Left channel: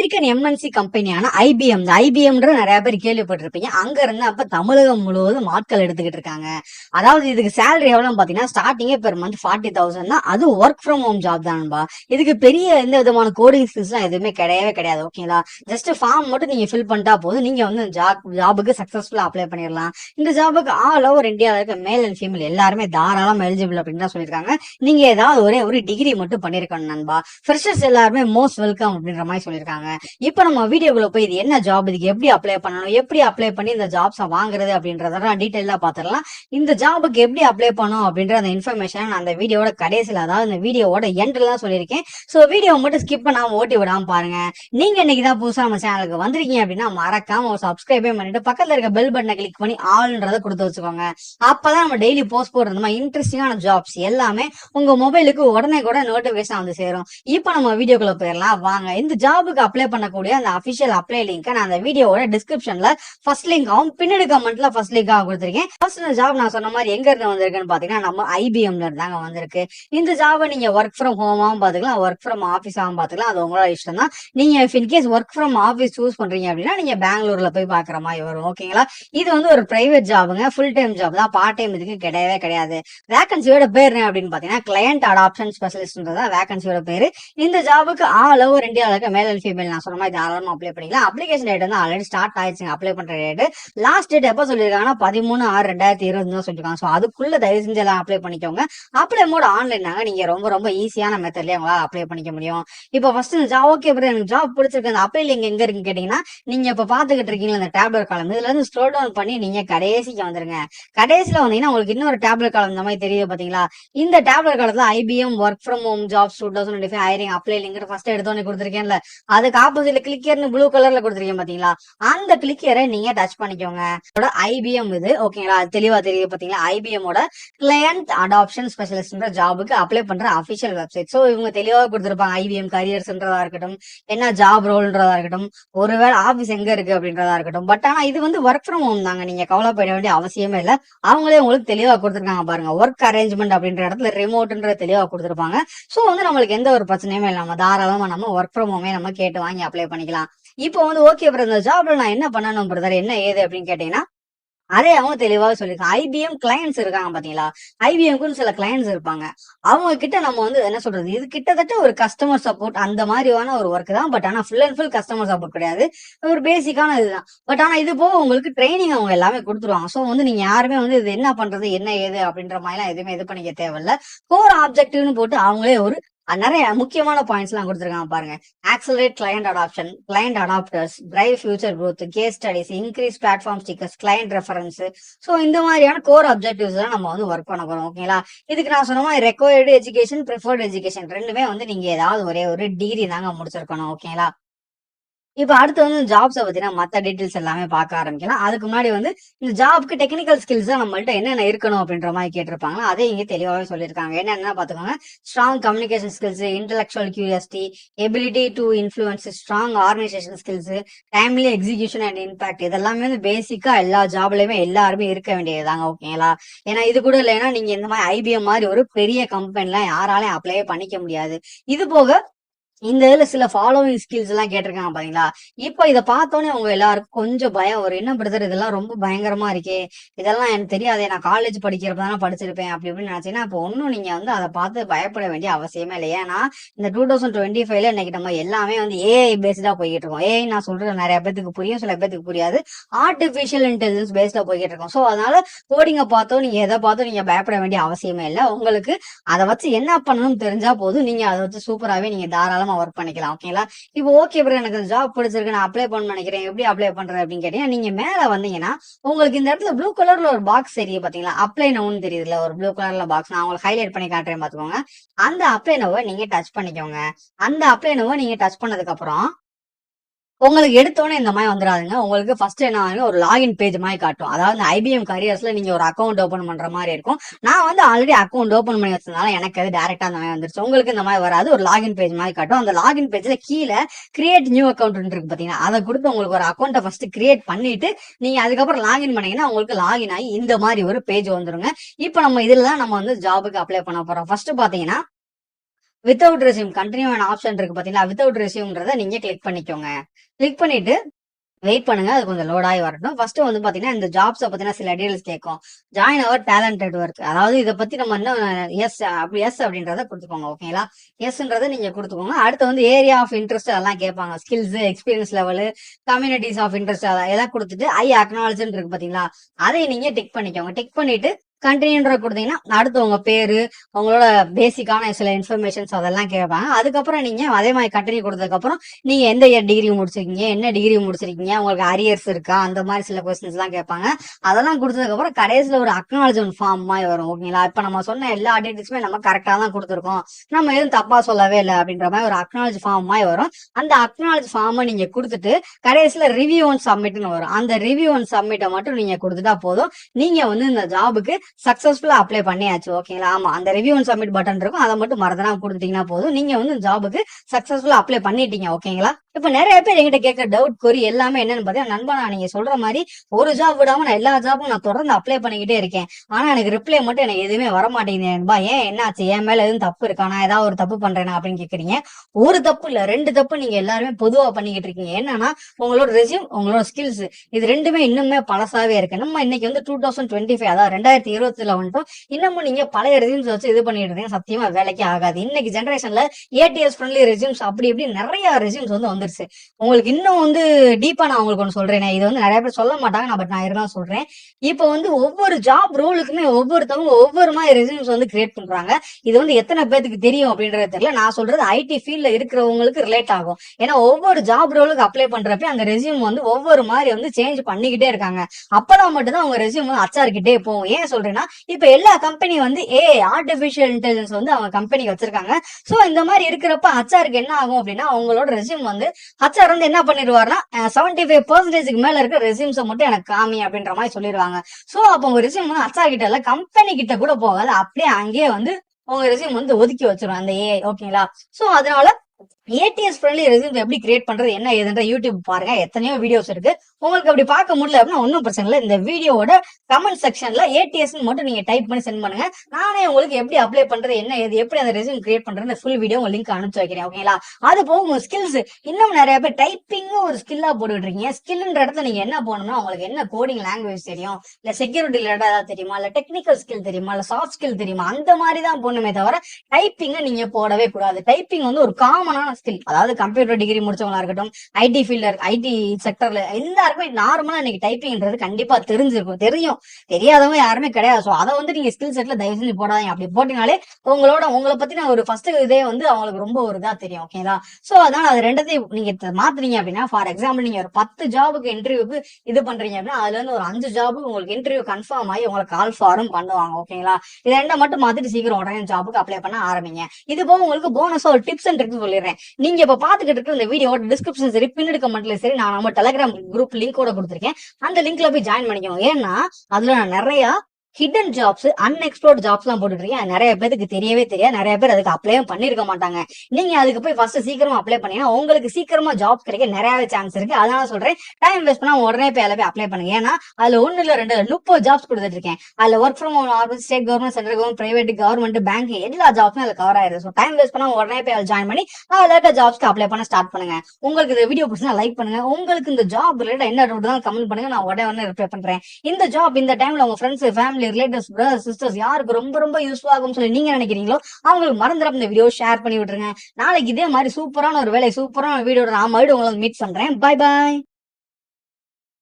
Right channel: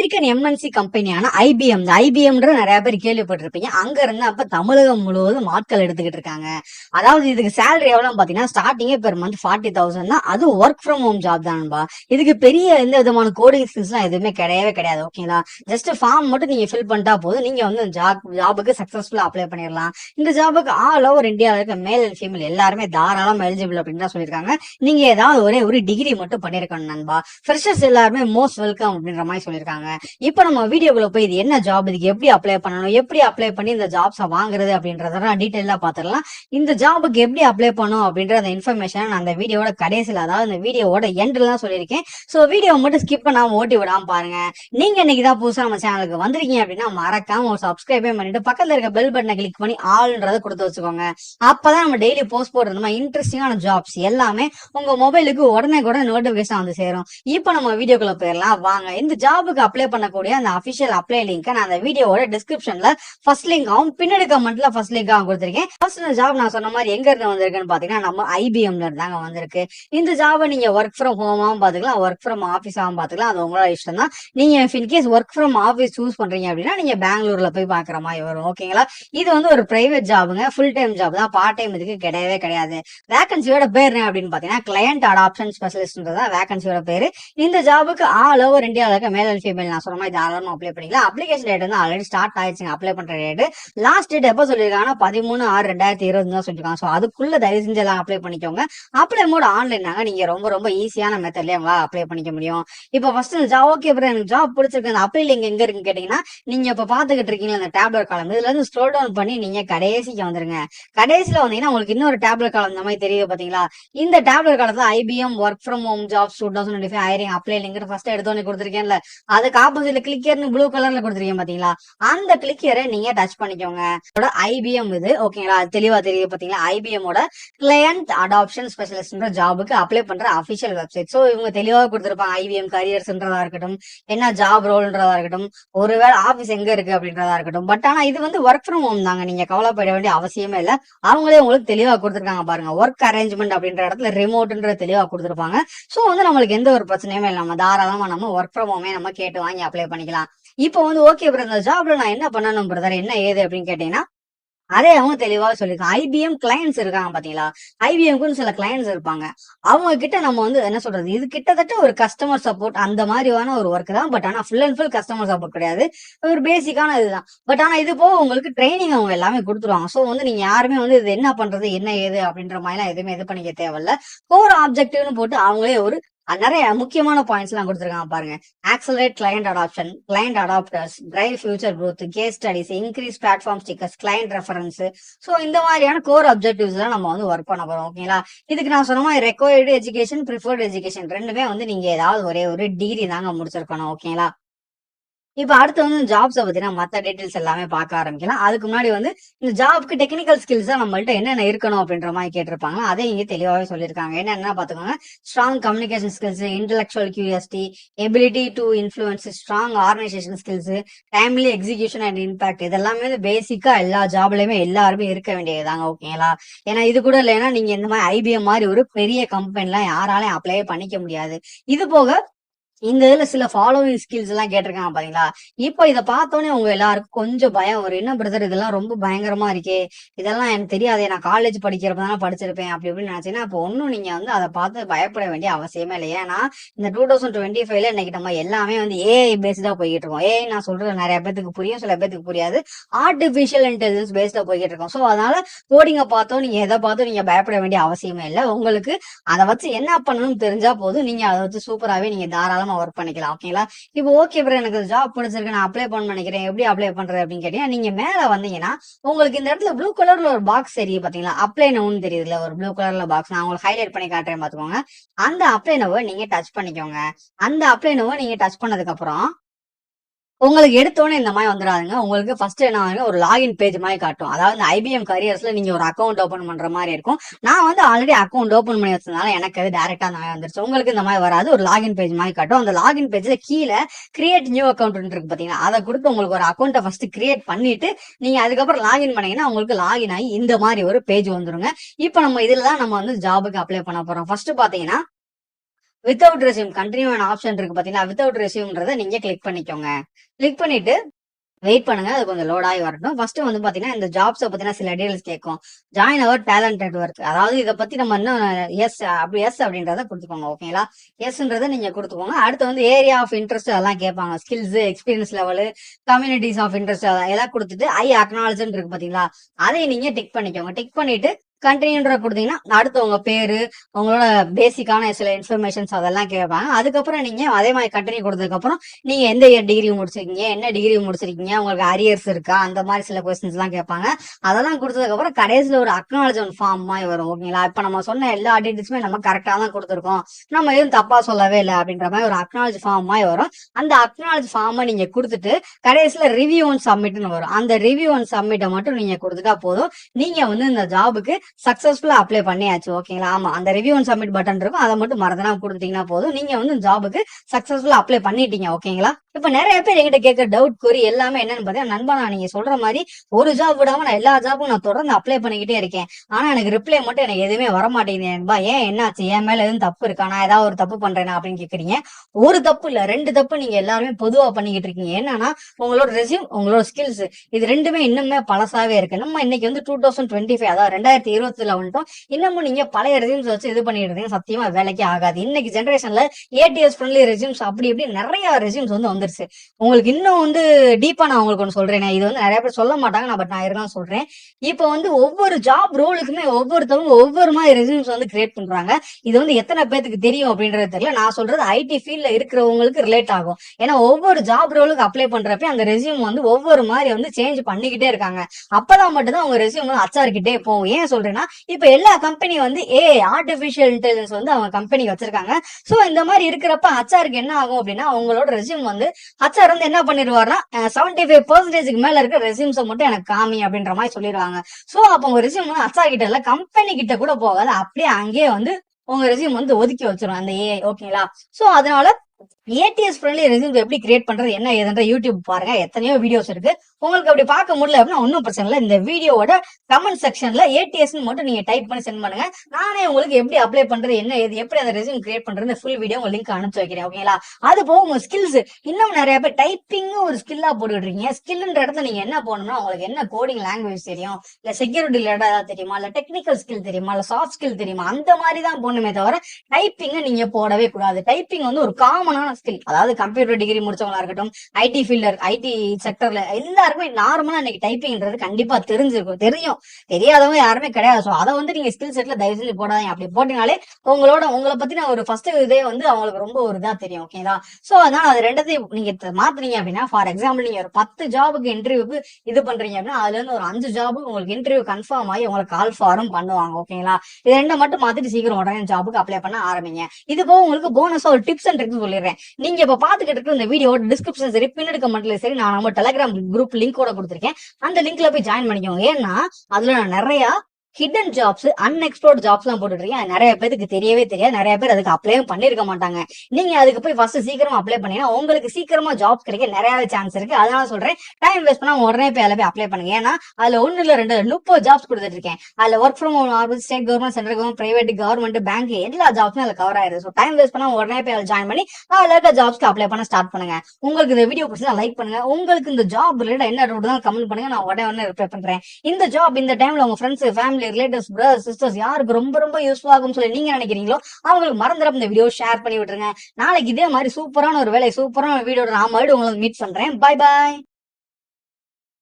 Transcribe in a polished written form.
American MNC கம்பெனியான IBM. இந்த ஐபிஎம்ன்ற நிறைய பேர் கேள்விப்பட்டிருப்பீங்க. அங்க இருந்து அப்ப தமிழகம் முழுவதும் ஆட்கள் எடுத்துக்கிட்டு இருக்காங்க. அதாவது இதுக்கு சேலரி எவ்வளவு பாத்தீங்கன்னா ஸ்டார்டிங்கே பெர் மந்த் 40,000 தான். அது ஒர்க் ஃப்ரம் ஹோம் ஜாப் தான்பா. இதுக்கு பெரிய எந்த விதமான கோடிங் ஸ்கில்ஸ் எல்லாம் எதுவுமே கிடையவே கிடையாது. ஓகேங்களா, ஜஸ்ட் ஃபார்ம் மட்டும் நீங்க ஃபில் பண்ணிட்டா போதும், நீங்க வந்து ஜாபுக்கு சக்சஸ்ஃபுல்லா அப்ளை பண்ணிடலாம். இந்த ஜாபுக்கு ஆல் ஓவர் இந்தியாவில் இருக்க மேல் அண்ட் ஃபீமேல் எல்லாருமே தாராளமா எலிஜிபிள் அப்படின்னு தான் சொல்லியிருக்காங்க. நீங்க ஏதாவது ஒரே ஒரு டிகிரி மட்டும் பண்ணிருக்கணும் நண்பா. ஃப்ரெஷர்ஸ் எல்லாருமே மோஸ்ட் வெல்கம் அப்படின்ற மாதிரி சொல்லியிருக்காங்க. இப்ப நம்ம வீடியோக்குள்ள போய் இது என்ன ஜாப், இதுக்கு எப்படி அப்ளை பண்ணணும், எப்படி அப்ளை பண்ணி இந்த ஜாப்ஸை வாங்குறது அப்படின்றதெல்லாம் டீட்டெயிலா பாத்துடலாம். இந்த ஜாபுக்கு எப்படி அப்ளை பண்ணணும் அப்படின்ற அந்த இன்ஃபர்மேஷன் நான் அந்த வீடியோட கடைசியில், அதாவது இந்த வீடியோட எண்ட்ல தான் சொல்லியிருக்கேன். சோ வீடியோ மட்டும் ஸ்கிப் பண்ணாம ஓட்டி விடாம பாருங்க. நீங்க இன்னைக்கு தான் புதுசா நம்ம சேனலுக்கு வந்திருக்கீங்க அப்படின்னா மறக்காம ஒரு சப்ஸ்கிரைபே பண்ணிட்டு பக்கத்துல இருக்க பெல் பட்டனை கிளிக் பண்ணி ஆல்ன்றத கொடுத்து வச்சுக்கோங்க. அப்பதான் நம்ம டெய்லி போஸ்ட் போடுற இந்த மாதிரி இன்ட்ரெஸ்டிங்கான ஜாப்ஸ் எல்லாமே உங்க மொபைலுக்கு உடனே கூட நோட்டிபிகேஷன் வந்து சேரும். இப்போ நம்ம வீடியோக்குள்ள போயிடலாம் வாங்க. இந்த ஜாபுக்கு அப்ளை பண்ணக்கூடிய அந்த அபிஷியல் அப்ளை லிங்க் நான் அந்த வீடியோவோட டிஸ்கிரிப்ஷன்ல ஃபர்ஸ்ட் லிங்காவும் பின்னாடி கமெண்ட்ல ஃபர்ஸ்ட் லிங்காவும் கொடுத்திருக்கேன். ஃபர்ஸ்ட் ஜாப் நான் சொன்ன மாதிரி எங்க இருந்து வந்திருக்குன்னு பாத்தீங்கன்னா நம்ம ஐபிஎம்ல இருந்தாங்க வந்திருக்கு. இந்த ஜாபை நீங்க ஒர்க் ஃப்ரம் ஹோமாவும் பாத்துக்கலாம், ஒர்க் ஃப்ரம் ஆஃபீஸாவும் பாத்துக்கலாம். அது உங்களோட இஷ்டம் தான். நீங்க in case work from office choose பண்றீங்க அப்படின்னா நீங்க பெங்களூர்ல போய் பாக்குற மாதிரி வரும். ஓகேங்களா, இது வந்து ஒரு பிரைவேட் ஜாபுங்க, ஃபுல் டைம் ஜாப் தான், பார்ட் டைம் இதுக்கு கிடையவே கிடையாது. வேகன்சியோட பேர் அப்படின்னு பாத்தீங்கன்னா கிளையண்ட் அடாப்ஷன் ஸ்பெஷலிஸ்ட்ன்றதா வேகன்சியோட பேரு. இந்த ஜாபுக்கு ஆல் ஓவர் இந்தியாவில் இருக்க மேல் அண்ட் ஃபீமேல் நான் சொன்ன மாதிரி தாராளமா அப்ளை பண்ணிக்கலாம். அப்ளிகேஷன் டேட் வந்து ஆல்ரெடி ஸ்டார்ட் ஆயிடுச்சுங்க. அப்ளை பண்ற டேட் லாஸ்ட் டேட் எப்ப சொல்லியிருக்காங்கன்னா 13/6/2020 தான் சொல்லிருக்காங்க. சோ அதுக்குள்ள தயவு செஞ்சு எல்லாம் அப்ளை பண்ணிக்கோங்க. அப்ளை மோட் ஆன்லைன்னாங்க, நீங்க ரொம்ப ரொம்ப ஈஸியான மெத்தட்லயே உங்களால அப்ளை பண்ணிக்க முடியும். இப்போ ஃபர்ஸ்ட் ஜாப் ஓகே ப்ரோ எனக்கு ஜாப் பிடிச்சிருக்கு, அந்த அப்ளை லிங்க் எங்க இருக்குன்னு கேட்டீங்கன்னா நீங்க இப்ப பாத்துக்கிட்டு இருக்கீங்களா அந்த டேப்லெட் காலம், இதுல இருந்து ஸ்க்ரோல் டவுன் பண்ணி நீங்க கடைசிக்கு வந்துருங்க. கடைசியில வந்தீங்கன்னா உங்களுக்கு இன்னொரு டேப்லெட் காலம் இந்த மாதிரி தெரியுது பாத்தீங்களா. இந்த டேப்லெட் காலத்துல IBM work from home jobs 2025 hiring apply link first எடுத்தோன்னு கொடுத்துருக்கேன்ல, அதுக்கு ஆப்போசிட்ல கிளிக்கர்னு ப்ளூ கலர்ல கொடுத்துருக்கீங்க பாத்தீங்களா, அந்த கிளிக்கரை நீங்க டச் பண்ணிக்கோங்க. ஐபிஎம் இது ஓகேங்களா, அது தெளிவா தெரியுது பாத்தீங்களா. ஐபிஎம் ஓட கிளையண்ட் அடாப்ஷன் ஸ்பெஷலிஸ்ட் ஜாபுக்கு அப்ளை பண்ற அபிஷியல் வெப்சைட். சோ இவங்க தெளிவா கொடுத்திருப்பாங்க. ஐபிஎம் கரியர்ஸ்ன்றதா இருக்கட்டும், என்ன ஜாப் ரோல்ன்றதா இருக்கட்டும், ஒருவேளை ஆபீஸ் எங்க இருக்கு அப்படின்றதா இருக்கட்டும். பட் ஆனா இது வந்து ஒர்க் ஃப்ரம் ஹோம் தாங்க, நீங்க கவலைப்பட வேண்டிய அவசியமே இல்ல. அவங்களே உங்களுக்கு தெளிவா கொடுத்திருக்காங்க பாருங்க. ஒர்க் அரேஞ்ச்மெண்ட் அப்படின்ற இடத்துல ரிமோட்ன்ற தெளிவா கொடுத்திருப்பாங்க. சோ வந்து நம்மளுக்கு எந்த ஒரு பிரச்சனையுமே இல்லாம தாராளமா நம்ம ஒர்க் ஃப்ரம் ஹோமே நம்ம கேட்டு வாங்கி அப்ளை பண்ணிக்கலாம். இப்போ வந்து ஓகே பிரதர் இந்த ஜாப்ல நான் என்ன பண்ணணும் பிரதர், என்ன ஏது அப்படின்னு கேட்டீங்கன்னா அதே அவங்க தெளிவாக சொல்லியிருக்காங்க. ஐபிஎம் கிளைண்ட்ஸ் இருக்காங்க பாத்தீங்களா, ஐபிஎம்க்கு சில கிளைண்ட்ஸ் இருப்பாங்க. அவங்க கிட்ட நம்ம வந்து என்ன சொல்றது, இது கிட்டத்தட்ட ஒரு கஸ்டமர் சப்போர்ட் அந்த மாதிரியான ஒரு ஒர்க் தான். பட் ஆனா full and full customer support கிடையாது, ஒரு பேசிக்கான இதுதான். பட் ஆனா இது போக உங்களுக்கு ட்ரைனிங் அவங்க எல்லாமே கொடுத்துருவாங்க. சோ வந்து நீங்க யாருமே வந்து இது என்ன பண்றது என்ன ஏது அப்படின்ற மாதிரி எல்லாம் எதுவுமே இது பண்ணிக்க தேவையில்ல. கோர் ஆப்ஜெக்டிவ்னு போட்டு அவங்களே ஒரு நிறைய முக்கியமான பாயிண்ட்ஸ் எல்லாம் கொடுத்துருக்காங்க பாருங்க. Accelerate client adoption, client adapters, drive future growth, case studies, increase platform stickers, client reference. So இந்த மாதிரியான கோர் அப்ஜெக்டிவ்ஸ் எல்லாம் நம்ம வந்து ஒர்க் பண்ண போறோம். ஓகேங்களா, இதுக்கு நான் சொன்ன மாதிரி ரெக்வயர்டு எஜுகேஷன், ப்ரிஃபர்டு எஜுகேஷன் ரெண்டுமே வந்து நீங்க ஏதாவது ஒரே ஒரு டிகிரி தாங்க முடிச்சிருக்கணும். ஓகேங்களா, இப்ப அடுத்து வந்து ஜாப்ஸை பத்தினா மத்த டீடைல்ஸ் எல்லாமே பார்க்க ஆரம்பிக்கலாம். அதுக்கு முன்னாடி வந்து இந்த ஜாப்க்கு டெக்னிக்கல் ஸ்கில்ஸ் நம்மள்ட்ட என்னென்ன இருக்கணும் அப்படின்ற மாதிரி கேட்டிருப்பாங்க. அதே இங்க தெளிவாவே சொல்லியிருக்காங்க. என்னென்ன பாத்துக்கோங்க. Strong communication skills, intellectual curiosity, ability to influence, strong organisation skills, timely execution and impact. இதெல்லாமே வந்து பேசிக்கா எல்லா ஜாப்லயுமே எல்லாருமே இருக்க வேண்டியதுதாங்க. ஓகேங்களா, ஏன்னா இது கூட இல்லைன்னா நீங்க இந்த மாதிரி ஐபிஎம் மாதிரி ஒரு பெரிய கம்பெனில யாராலையும் அப்ளை பண்ணிக்க முடியாது. இது போக இந்த இதுல சில ஃபாலோவிங் ஸ்கில்ஸ் எல்லாம் கேட்டிருக்காங்க பாத்தீங்களா. இப்ப இதை பார்த்தோன்னே உங்க எல்லாருக்கும் கொஞ்சம் பயம் வரும். என்ன பிரதர் இதெல்லாம் ரொம்ப பயங்கரமா இருக்கே, இதெல்லாம் எனக்கு தெரியாதே, நான் காலேஜ் படிக்கிறப்பதானே படிச்சிருப்பேன் அப்படி இப்படின்னு நினைச்சேன்னா இப்போ ஒன்னும் நீங்க வந்து அதை பார்த்து பயப்பட வேண்டிய அவசியமே இல்லை. ஏன்னா இந்த 2025ல இன்னைக்கு நம்ம எல்லாமே வந்து ஏஐ பேஸ்டா போய்கிட்டு இருக்கோம். ஏஐ நான் சொல்றது நிறைய பேத்துக்கு புரியும், சில பேத்துக்கு புரியாது. ஆர்டிபிஷியல் இன்டெலிஜென்ஸ் பேஸ்ல போய்கிட்டு இருக்கோம். சோ அதனால கோடிங்க பார்த்தோம் நீங்க எதை பார்த்தும் நீங்க பயப்பட வேண்டிய அவசியமே இல்லை. உங்களுக்கு அதை வச்சு என்ன பண்ணணும்னு தெரிஞ்சா போதும், நீங்க அதை வச்சு சூப்பராகவே நீங்க தாராளமா ஒர்க் பண்ணிக்கலாம். ஓகேங்களா, இப்போ ஓகே ப்ரோ எனக்கு ஜாப் பிடிச்சிருக்கு, நான் அப்ளை பண்ண நினைக்கிறேன், எப்படி அப்ளை பண்றது அப்படின்னு கேட்டீங்கன்னா நீங்க மேல வந்தீங்கன்னா உங்களுக்கு இந்த இடத்துல ப்ளூ கலர்ல ஒரு பாக்ஸ் தெரியும் பாத்தீங்களா, அப்ளை நவுன்னு தெரியுதுல ஒரு ப்ளூ கலர்ல பாக்ஸ், நான் உங்களுக்கு ஹைலைட் பண்ணி காட்டுறேன் பாத்துக்கோங்க. அந்த அப்ளை நோவை நீங்க டச் பண்ணிக்கோங்க. அந்த அப்ளை நோவை நீங்க டச் பண்ணதுக்கு அப்புறம் உங்களுக்கு எடுத்தோன்னே இந்த மாதிரி வந்துடாதுங்க. உங்களுக்கு ஃபர்ஸ்ட் என்ன ஆகுங்க, ஒரு லாகின் பேஜ் மாதிரி காட்டும். அதாவது ஐபிஎம் கரியர்ஸ்ல நீங்க ஒரு அக்கௌண்ட் ஓபன் பண்ற மாதிரி இருக்கும். நான் வந்து ஆல்ரெடி அக்கௌண்ட் ஓபன் பண்ணி வச்சதுனால எனக்கு அது டைரக்டா அந்த மாதிரி வந்துருச்சு. உங்களுக்கு இந்த மாதிரி வராது, ஒரு லாகின் பேஜ் மாதிரி காட்டும். அந்த லாகின் பேஜ்ல கீழே கிரியேட் நியூ அக்கௌண்ட் இருக்கு பாத்தீங்கன்னா, அதை கொடுத்து உங்களுக்கு ஒரு அக்கௌண்ட்டை ஃபர்ஸ்ட் கிரியேட் பண்ணிட்டு நீங்க அதுக்கப்புறம் லாகின் பண்ணீங்கன்னா உங்களுக்கு லாகின் ஆகி இந்த மாதிரி ஒரு பேஜ் வந்துருங்க. இப்ப நம்ம இதுலதான் நம்ம வந்து ஜாபுக்கு அப்ளை பண்ண போறோம். ஃபர்ஸ்ட் பாத்தீங்கன்னா வித்தவுட் ரெஸ்யூம் கண்டினியூ ஆப்ஷன் இருக்கு பாத்தீங்களா, வித்தவுட் ரெஸ்யூம்ன்றத நீங்க கிளிக் பண்ணிக்கோங்க. கிளிக் பண்ணிட்டு வெயிட் பண்ணுங்க, அது கொஞ்சம் லோட் ஆகி வரட்டும். ஃபர்ஸ்ட் வந்து பாத்தீங்கன்னா இந்த ஜாப்ஸை பத்தின சில டீடைல்ஸ் கேட்கும். ஜாயின் அவர் டேலண்டட் ஒர்க், அதாவது இதை பத்தி நம்ம இன்னும் எஸ் அப்படின்றத கொடுத்துக்கோங்க. ஓகேங்களா, எஸ்ன்றதை நீங்க கொடுத்துக்கோங்க. அடுத்து வந்து ஏரியா ஆஃப் இன்ட்ரெஸ்ட் அதெல்லாம் கேட்பாங்க. Skills, experience level, communities of interest எல்லாம் கொடுத்துட்டு ஐ அக்னாலஜ்ன்னு இருக்கு பாத்தீங்களா, அதை நீங்க டிக் பண்ணிக்கோங்க. டிக் பண்ணிட்டு கண்டினியூன்ற கொடுத்தீங்கன்னா அடுத்து உங்க பேரு, உங்களோட பேசிக்கான சில இன்ஃபர்மேஷன்ஸ் அதெல்லாம் கேட்பாங்க. அதுக்கப்புறம் நீங்க அதே மாதிரி கண்டினியூ கொடுத்ததுக்கு அப்புறம் நீங்க எந்த இயர் டிகிரி முடிச்சிருக்கீங்க, என்ன டிகிரி முடிச்சிருக்கீங்க, உங்களுக்கு அரியர்ஸ் இருக்கா, அந்த மாதிரி சில கொஸ்டின்ஸ் எல்லாம் கேட்பாங்க. அதெல்லாம் கொடுத்ததுக்கு அப்புறம் கடைசியில ஒரு அக்னாலஜ்மெண்ட் ஃபார்ம் மாதிரி வரும். ஓகேங்களா, இப்ப நம்ம சொன்ன எல்லா டீடைல்ஸுமே நம்ம கரெக்டா தான் கொடுத்துருக்கோம், நம்ம எதுவும் தப்பா சொல்லவே இல்லை அப்படின்ற மாதிரி ஒரு அக்னாலஜ் ஃபார்ம் மாதிரி வரும். அந்த அக்னாலஜ் ஃபார்மை நீங்க கொடுத்துட்டு கடைசியில ரிவ்யூ ஒன் சப்மிட்னு வரும். அந்த ரிவ்யூ ஒன் சப்மிட்டை மட்டும் நீங்க கொடுத்துட்டா போதும், நீங்க வந்து இந்த ஜாபுக்கு சக்சஸ்ஃபுல்லா அப்ளை பண்ணியாச்சு. ஓகேங்களா, ஆமா, அந்த ரிவ்யூ அண்ட் சப்மிட் பட்டன் இருக்கும், அதை மட்டும் மறந்துடாம கொடுத்தீங்கன்னா போதும், நீங்க வந்து ஜாபுக்கு சக்சஸ்ஃபுல்லா அப்ளை பண்ணிட்டீங்க. ஓகேங்களா, இப்ப நிறைய பேர் என்கிட்ட கேட்க டவுட் கொரி எல்லாமே என்னன்னு பாத்தீங்கன்னா, நண்பா நான் நீங்க சொல்ற மாதிரி ஒரு ஜாப் விடாம நான் எல்லா ஜாபும் நான் தொடர்ந்து அப்ளை பண்ணிக்கிட்டே இருக்கேன், ஆனா எனக்கு ரிப்ளை மட்டும் எனக்கு எதுவுமே வர மாட்டேங்குது நண்பா, ஏன் என்னாச்சு, என் மேல எதுவும் தப்பு இருக்கா, நான் ஏதாவது ஒரு தப்பு பண்றேனா அப்படின்னு கேக்குறீங்க. ஒரு தப்பு இல்ல, ரெண்டு தப்பு நீங்க எல்லாருமே பொதுவா பண்ணிக்கிட்டு இருக்கீங்க. என்னன்னா, உங்களோட ரெஸ்யூம், உங்களோட ஸ்கில்ஸ், இது ரெண்டுமே இன்னுமே பழசாவே இருக்கு. நம்ம இன்னைக்கு வந்து 2025, அதாவது 2020 வந்துட்டோம், இன்னமும் நீங்க பழைய ரெஸ்யூம்ஸ் வச்சு இது பண்ணிட்டு இருக்கீங்க, சத்தியமா வேலைக்கே ஆகாது. இன்னைக்கு ஜெனரேஷன்ல ஏடிஎஸ் ஃப்ரெண்ட்லி ரெஸ்யூம்ஸ் அப்படி இப்படி நிறைய ரெஸ்யூம்ஸ் வந்து வந்துருச்சு. உங்களுக்கு இன்னும் வந்து டீப்பா நான் உங்களுக்கு ஒன்று சொல்றேன், இது வந்து நிறைய பேர் சொல்ல மாட்டாங்க, பட் நான் இருந்தாலும் சொல்றேன். இப்போ வந்து ஒவ்வொரு ஜாப் ரோலுக்குமே ஒவ்வொருத்தவங்க ஒவ்வொரு மாதிரி ரெஸ்யூம்ஸ் வந்து கிரியேட் பண்றாங்க. இது வந்து எத்தனை பேருக்கு தெரியும் அப்படின்றது தெரியல. நான் சொல்றது ஐடி ஃபீல்ட்ல இருக்கிறவங்களுக்கு ரிலேட் ஆகும். ஏன்னா ஒவ்வொரு ஜாப் ரோலுக்கு அப்ளை பண்றப்ப அந்த ரெஸ்யூம் வந்து ஒவ்வொரு மாதிரி வந்து சேஞ்ச் பண்ணிக்கிட்டே இருக்காங்க. அப்பதான் மட்டும்தான் உங்க ரெஸ்யூம் வந்து அச்சார்கிட்டே போகும். ஏன் சொல்றேன்னா, இப்ப எல்லா கம்பெனி வந்து ஆர்டிபிஷியல் இன்டெலிஜென்ஸ் வந்து அவங்க கம்பெனிக்கு வச்சிருக்காங்க. சோ இந்த மாதிரி இருக்கிறப்ப ஹச்ஆருக்கு என்ன ஆகும் அப்படின்னா, அவங்களோட ரெஸ்யூம் வந்து ஹச்ஆர் வந்து என்ன பண்ணிடுவாருன்னா 75% மேல இருக்க ரெஸ்யூம்ஸை மட்டும் எனக்கு காமி அப்படின்ற மாதிரி சொல்லிடுவாங்க. சோ அப்ப உங்க ரெஸ்யூம் வந்து ஹச்ஆர் கிட்ட இல்ல, கம்பெனி கிட்ட கூட போகாது, அப்படியே அங்கேயே வந்து உங்க ரெஸ்யூம் வந்து ஒதுக்கி வச்சிரும் அந்த ஏஐ. ஓகேங்களா, சோ அதனால ஏடிஎஸ் ஃப்ரெண்ட்லி ரெஸ்யூம் எப்படி கிரியேட் பண்றது என்ன ஏதுன்ற யூடியூப் பாருங்க, எத்தனையோ வீடியோஸ் இருக்கு. உங்களுக்கு அப்படி பார்க்க முடியல அப்படின்னா ஒன்னும் பிரச்சனை இல்லை, இந்த வீடியோட கமெண்ட் செக்ஷன்ல ஏடிஎஸ் மட்டும் நீங்க டைப் பண்ணி சென்ட் பண்ணுங்க. நானே உங்களுக்கு எப்படி அப்ளை பண்றது என்ன ஏது, எப்படி அந்த ரெஸ்யூம் கிரியேட் பண்றது ஃபுல் வீடியோ உங்க லிங்க் அனுப்பிச்சு வைக்கிறேன். ஓகேங்களா, அது போக உங்க ஸ்கில்ஸ், இன்னும் நிறைய பேர் டைப்பிங்கும் ஒரு ஸ்கில்லா போட்டுட்டு இருக்கீங்க. ஸ்கில்ன்ற இடத்துல நீங்க என்ன போகணும்னா, உங்களுக்கு என்ன கோடிங் லாங்குவேஜ் தெரியும், இல்ல செக்யூரிட்டி ரிலேட்டடா ஏதாவது தெரியுமா, இல்ல டெக்னிக்கல் ஸ்கில் தெரியுமா, இல்ல சாஃப்ட் ஸ்கில் தெரியுமா, அந்த மாதிரி தான் போகணுமே தவிர டைப்பிங்க நீங்க போடவே கூடாது. டைப்பிங் வந்து ஒரு காமனான ஸ்கில், அதாவது கம்ப்யூட்டர் டிகிரி முடிச்சவங்களா இருக்கட்டும், ஐடி ஃபீல்டர், ஐடி செக்டர்ல எல்லாருமே நார்மலா இன்னைக்கு டைப்பிங்ன்றது கண்டிப்பா தெரிஞ்சிருக்கும், தெரியும், தெரியாதவங்க யாருமே கிடையாது. ஸோ அதை வந்து நீங்க ஸ்கில் செட்ல தயவு செஞ்சு போடாதீங்க. அப்படி போட்டீங்கனாலே உங்களை பத்தின ஒரு ஃபர்ஸ்ட் இதே வந்து அவங்களுக்கு ரொம்ப ஒரு இதா தெரியும். ஓகேங்களா, சோ அதனால அது ரெண்டத்தையும் நீங்க மாத்துறீங்க அப்படின்னா, ஃபார் எக்ஸாம்பிள் நீங்க ஒரு 10 ஜாபுக்கு இன்டர்வியூக்கு இது பண்றீங்க அப்படின்னா, அதுல இருந்து ஒரு 5 ஜாபு உங்களுக்கு இன்டர்வியூ கன்ஃபார்ம் ஆகி உங்களுக்கு கால் ஃபாரும் பண்ணுவாங்க. ஓகேங்களா, இது ரெண்டை மட்டும் மாத்திட்டு சீக்கிரம் உடனே ஜாபுக்கு அப்ளை பண்ண ஆரம்பிங்க. இது போக உங்களுக்கு போனஸா ஒரு டிப்ஸ் அண்ட் ட்ரிக்ஸ் சொல்லிடுறேன். நீங்க இப்ப பாத்துக்கிட்டு இருக்க இந்த வீடியோ டிஸ்கிரிப்ஷன் சரி, பின்னாடி கமெண்ட்ல சரி, நான் நம்ம டெலிகிராம் குரூப் லிங்கோட கொடுத்துருக்கேன், அந்த லிங்க்ல போய் ஜாயின் பண்ணிக்கோங்க. ஏன்னா அதுல நான் நிறைய ஹிடன் ஜாப்ஸ், அன்எக்ஸ்ப்ளோர்ட் ஜாப்ஸ் எல்லாம் போட்டுட்டு இருக்கேன். நிறைய பேருக்கு தெரியவே தெரியாது, நிறைய பேர் அதுக்கு அப்ளையும் பண்ணிருக்க மாட்டாங்க. நீங்க அதுக்கு போய் ஃபர்ஸ்ட் சீக்கிரமா அப்ளை பண்ணீங்கன்னா உங்களுக்கு சீக்கிரமா ஜாப் கிடைக்க நிறையவே சான்ஸ் இருக்கு. அதனால சொல்றேன், டைம் வேஸ்ட் பண்ணா உடனே போய் அதில் போய் அப்ளை பண்ணுங்க. ஏன்னா அதுல ஒண்ணு இல்ல 30 ஜாப்ஸ் கொடுத்துட்டு இருக்கேன். அதுல work from home, office, state government, central government, private, government, bank, எல்லா ஜாப்ஸும் அதுல கவர் ஆயிடுது. ஸோ டைம் வேஸ்ட் பண்ணா உடனே போய் ஜாயின் பண்ணி அதுல இருக்க ஜாப்ஸ்க்கு அப்ளை பண்ண ஸ்டார்ட் பண்ணுங்க. உங்களுக்கு இந்த வீடியோ பிடிச்சா லைக் பண்ணுங்க. உங்களுக்கு இந்த ஜாப் ரிலேட்டட் என்ன டவுட் தான் கமெண்ட் பண்ணுங்க, நான் உடனே ரிப்ளை பண்றேன். இந்த ஜாப் இந்த டைம்ல உங்க friends, family, relatives, brothers, sisters யாருக்கு ரொம்ப யூஸ்ஃபுல் ஆகும் சொல்லி நீங்க நினைக்கிறீங்களோ அவங்களுக்கு மறந்துடாம இந்த வீடியோ ஷேர் பண்ணி விட்டுருங்க. நாளைக்கு இதே மாதிரி சூப்பரான ஒரு வேலை, சூப்பரான வீடியோட நான் மறுபடியும் உங்களுக்கு மீட் பண்றேன். Bye bye.